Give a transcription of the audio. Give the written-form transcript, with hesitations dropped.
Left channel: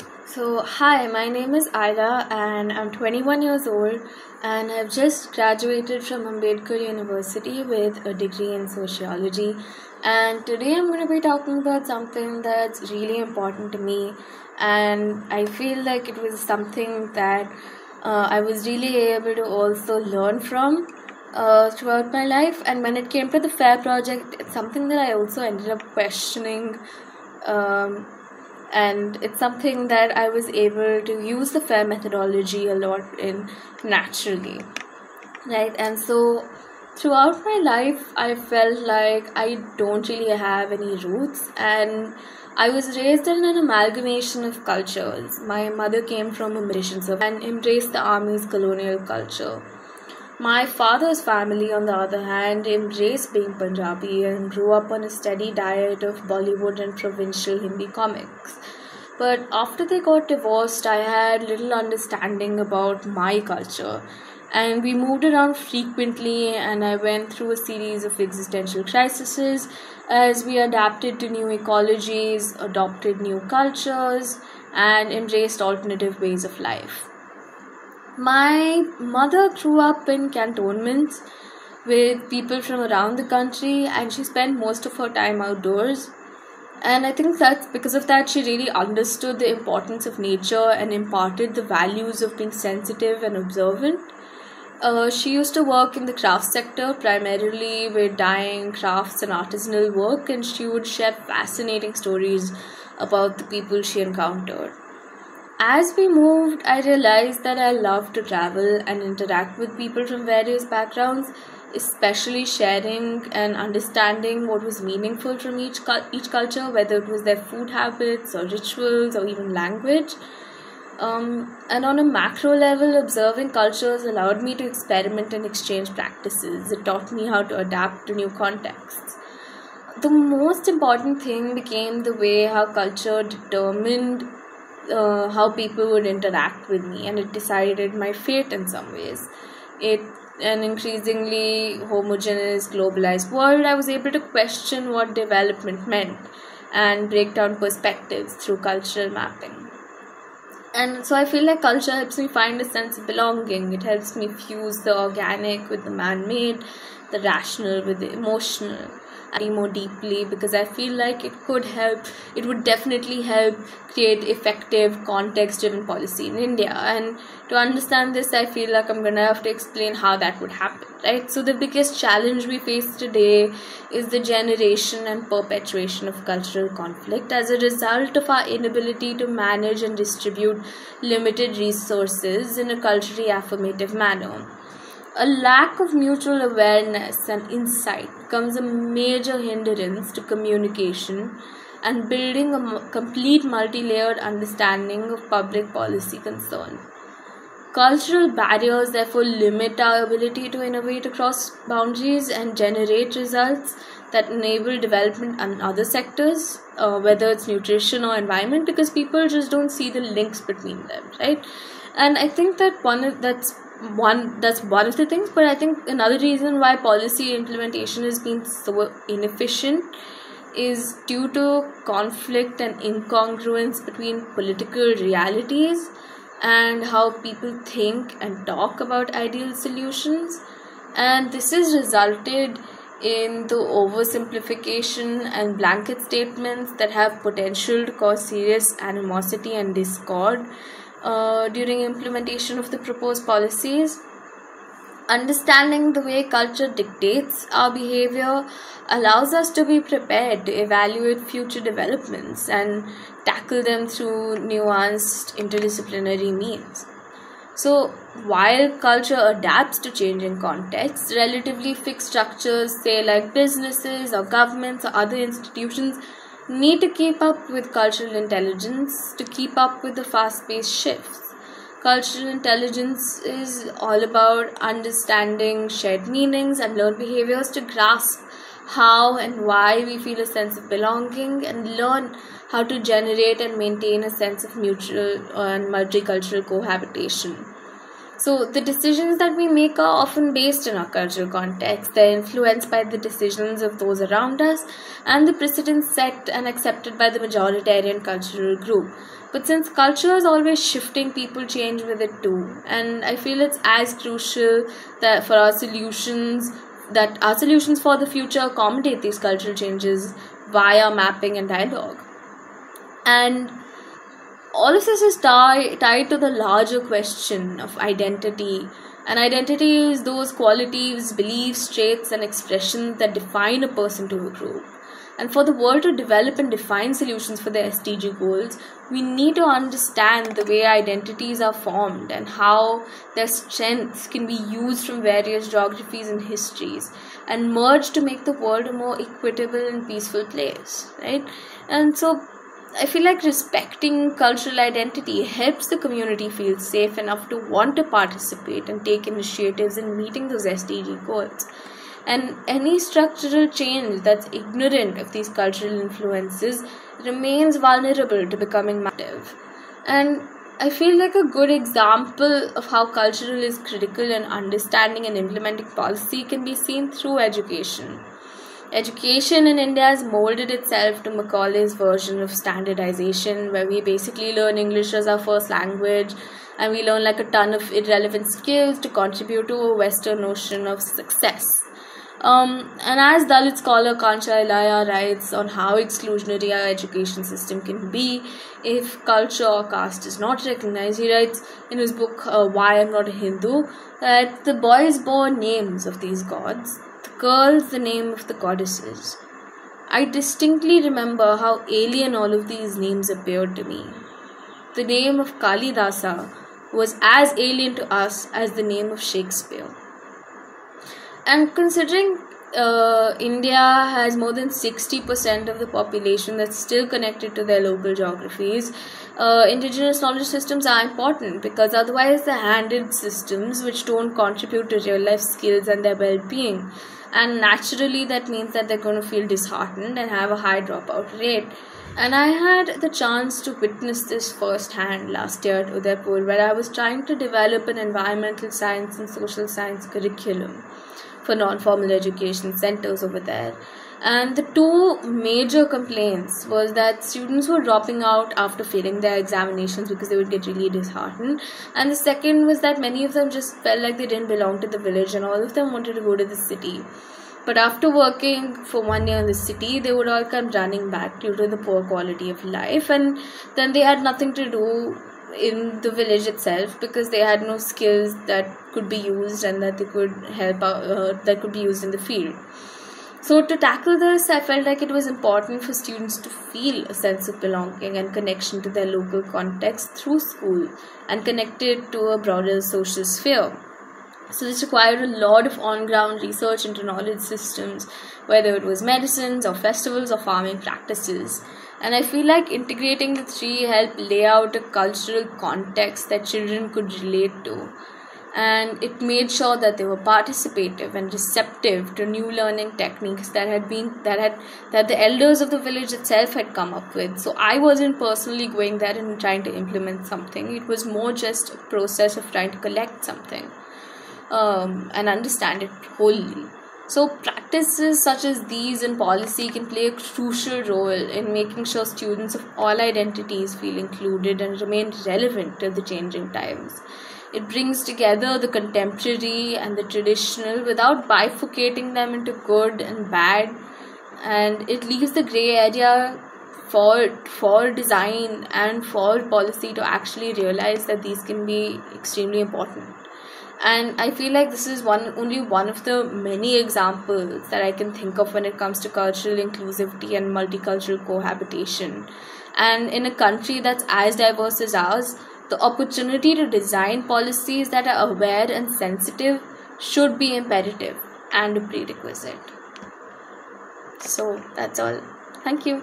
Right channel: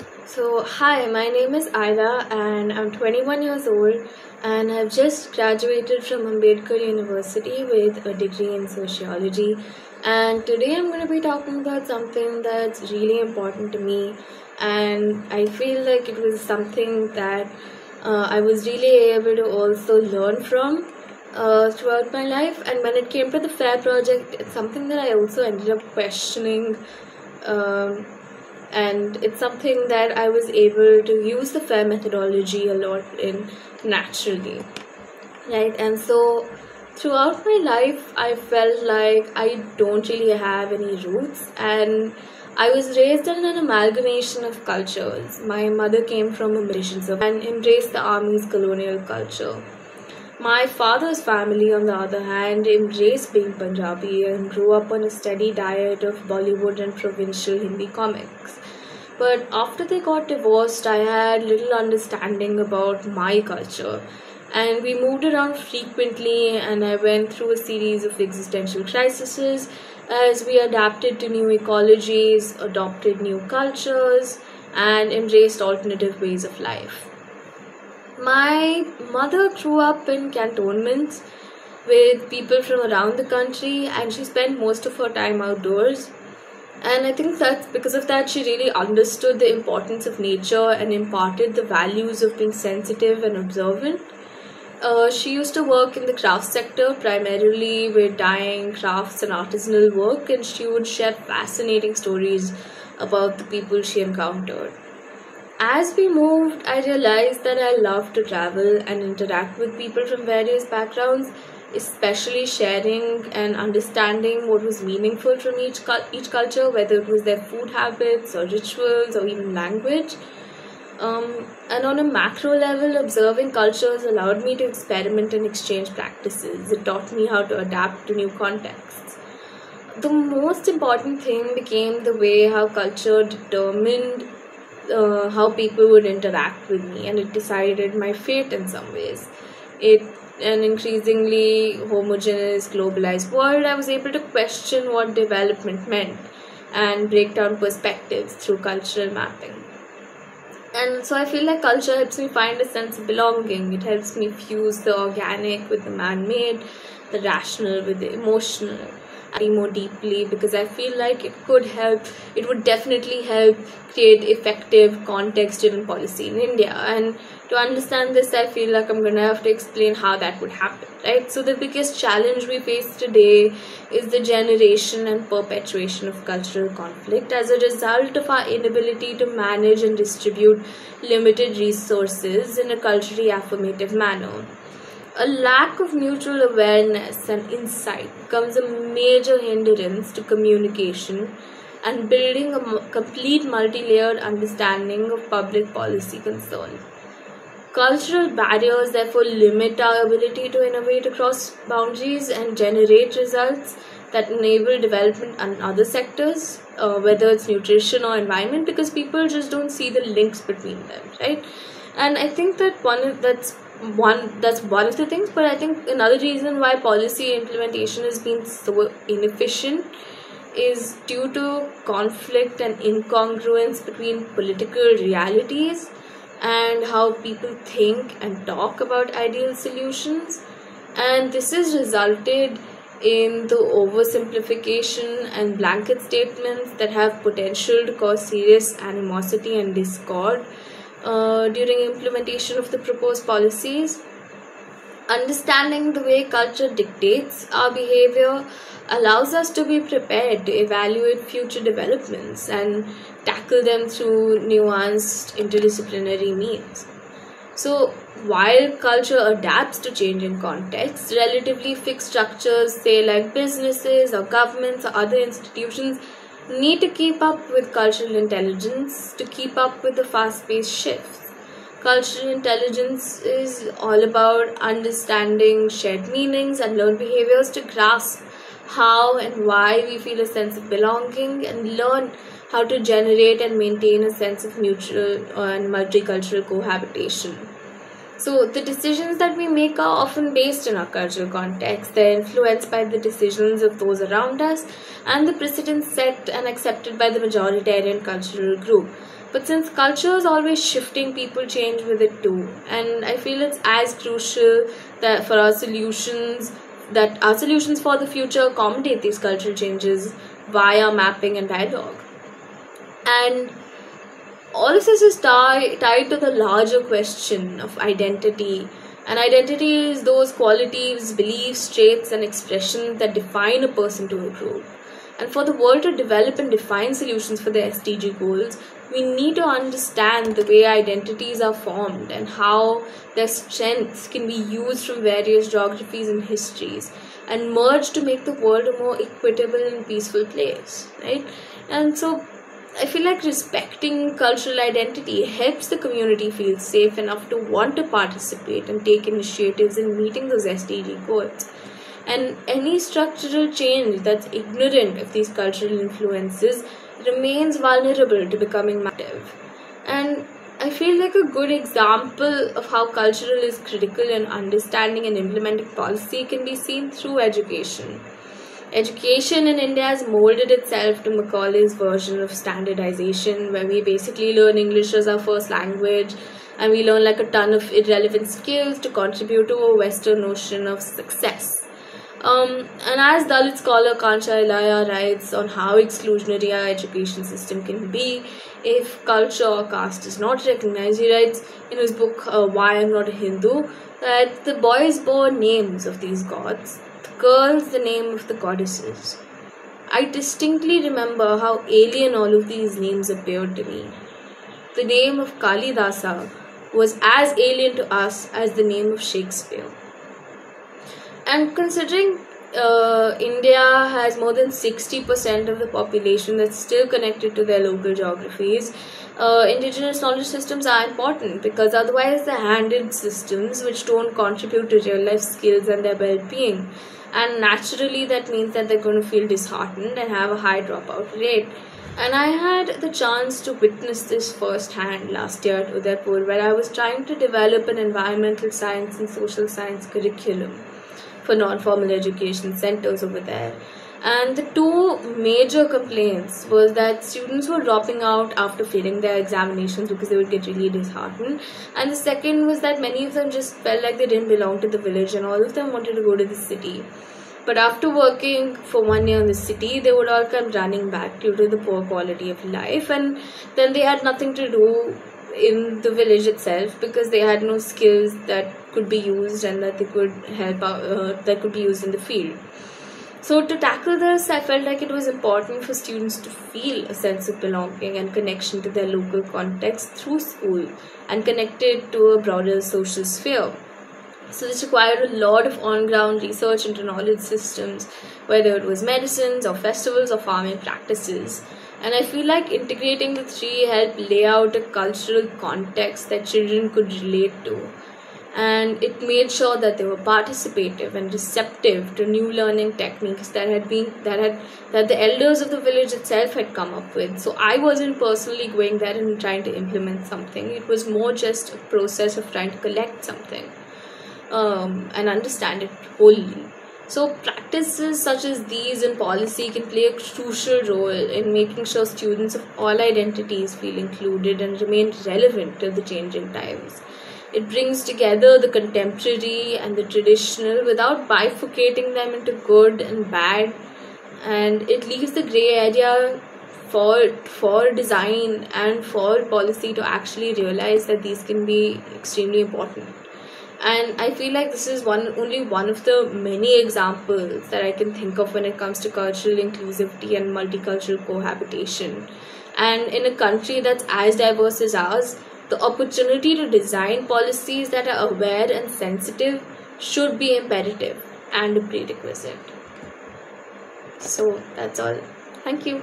Hi, my name is Aila and I'm 21 years old and have just graduated from Ambedkar University with a degree in sociology. And today I'm going to be talking about something that's really important to me, and I feel like it was something that I was really able to also learn from throughout my life. And when it came to the FAIR project, it's something that I also ended up questioning. Um, and it's something that I was able to use the FAIR methodology a lot in naturally, right? And so throughout my life, I felt like I don't really have any roots, and I was raised in an amalgamation of cultures. My mother came from a mission and embraced the army's colonial culture. My father's family, on the other hand, embraced being Punjabi and grew up on a steady diet of Bollywood and provincial Hindi comics. But after they got divorced, I had little understanding about my culture. And we moved around frequently, and I went through a series of existential crises as we adapted to new ecologies, adopted new cultures, and embraced alternative ways of life. My mother grew up in cantonments with people from around the country, and she spent most of her time outdoors. And I think that's because of that she really understood the importance of nature and imparted the values of being sensitive and observant. She used to work in the craft sector, primarily with dyeing, crafts, and artisanal work, and she would share fascinating stories about the people she encountered. As we moved, I realized that I love to travel and interact with people from various backgrounds, especially sharing and understanding what was meaningful from each culture, whether it was their food habits or rituals or even language. And on a macro level, observing cultures allowed me to experiment and exchange practices. It taught me how to adapt to new contexts. The most important thing became the way how culture determined how people would interact with me, and it decided my fate in some ways. In an increasingly homogeneous, globalized world, I was able to question what development meant and break down perspectives through cultural mapping. And so I feel like culture helps me find a sense of belonging. It helps me fuse the organic with the man-made, the rational with the emotional more deeply, because I feel like it would definitely help create effective context-driven policy in India. And to understand this, I feel like I'm gonna have to explain how that would happen, right? So the biggest challenge we face today is the generation and perpetuation of cultural conflict as a result of our inability to manage and distribute limited resources in a culturally affirmative manner. A lack of mutual awareness and insight becomes a major hindrance to communication and building a complete multi-layered understanding of public policy concern. Cultural barriers therefore limit our ability to innovate across boundaries and generate results that enable development in other sectors, whether it's nutrition or environment, because people just don't see the links between them, right? And I think that that's one of the things, but I think another reason why policy implementation has been so inefficient is due to conflict and incongruence between political realities and how people think and talk about ideal solutions. And this has resulted in the oversimplification and blanket statements that have potential to cause serious animosity and discord during implementation of the proposed policies. Understanding the way culture dictates our behavior allows us to be prepared to evaluate future developments and tackle them through nuanced interdisciplinary means. So, while culture adapts to changing contexts, relatively fixed structures, say like businesses or governments or other institutions, need to keep up with cultural intelligence to keep up with the fast-paced shifts. Cultural intelligence is all about understanding shared meanings and learned behaviors to grasp how and why we feel a sense of belonging, and learn how to generate and maintain a sense of mutual and multicultural cohabitation. So the decisions that we make are often based in our cultural context. They're influenced by the decisions of those around us and the precedents set and accepted by the majoritarian cultural group. But since culture is always shifting, people change with it too. And I feel it's as crucial that for our solutions for the future accommodate these cultural changes via mapping and dialogue. And all of this is tied to the larger question of identity. And identity is those qualities, beliefs, traits, and expressions that define a person to a group. And for the world to develop and define solutions for the SDG goals, we need to understand the way identities are formed and how their strengths can be used from various geographies and histories and merge to make the world a more equitable and peaceful place, right? And so I feel like respecting cultural identity helps the community feel safe enough to want to participate and take initiatives in meeting those SDG goals. And any structural change that's ignorant of these cultural influences remains vulnerable to becoming massive. And I feel like a good example of how cultural is critical in understanding and implementing policy can be seen through education. Education in India has molded itself to Macaulay's version of standardization, where we basically learn English as our first language and we learn like a ton of irrelevant skills to contribute to a Western notion of success. And as Dalit scholar Kancha Ilaya writes on how exclusionary our education system can be if culture or caste is not recognized, he writes in his book Why I'm Not a Hindu that the boys bore names of these gods, the girls the name of the goddesses. I distinctly remember how alien all of these names appeared to me. The name of Kalidasa was as alien to us as the name of Shakespeare. And considering India has more than 60% of the population that's still connected to their local geographies, indigenous knowledge systems are important because otherwise they're handed systems which don't contribute to real life skills and their well-being. And naturally that means that they're going to feel disheartened and have a high dropout rate. And I had the chance to witness this firsthand last year at Udaipur, where I was trying to develop an environmental science and social science curriculum for non-formal education centers over there. And the two major complaints was that students were dropping out after failing their examinations because they would get really disheartened. And the second was that many of them just felt like they didn't belong to the village and all of them wanted to go to the city. But after working for 1 year in the city, they would all come running back due to the poor quality of life, and then they had nothing to do in the village itself because they had no skills that could be used and that they could help out, that could be used in the field. So to tackle this, I felt like it was important for students to feel a sense of belonging and connection to their local context through school and connected to a broader social sphere. So this required a lot of on-ground research into knowledge systems, whether it was medicines or festivals or farming practices. And I feel like integrating the three helped lay out a cultural context that children could relate to. And it made sure that they were participative and receptive to new learning techniques that the elders of the village itself had come up with. So I wasn't personally going there and trying to implement something. It was more just a process of trying to collect something and understand it wholly. So practices such as these in policy can play a crucial role in making sure students of all identities feel included and remain relevant to the changing times. It brings together the contemporary and the traditional without bifurcating them into good and bad, and it leaves the grey area for design and for policy to actually realize that these can be extremely important. And I feel like this is only one of the many examples that I can think of when it comes to cultural inclusivity and multicultural cohabitation. And in a country that's as diverse as ours, the opportunity to design policies that are aware and sensitive should be imperative and a prerequisite. So that's all. Thank you.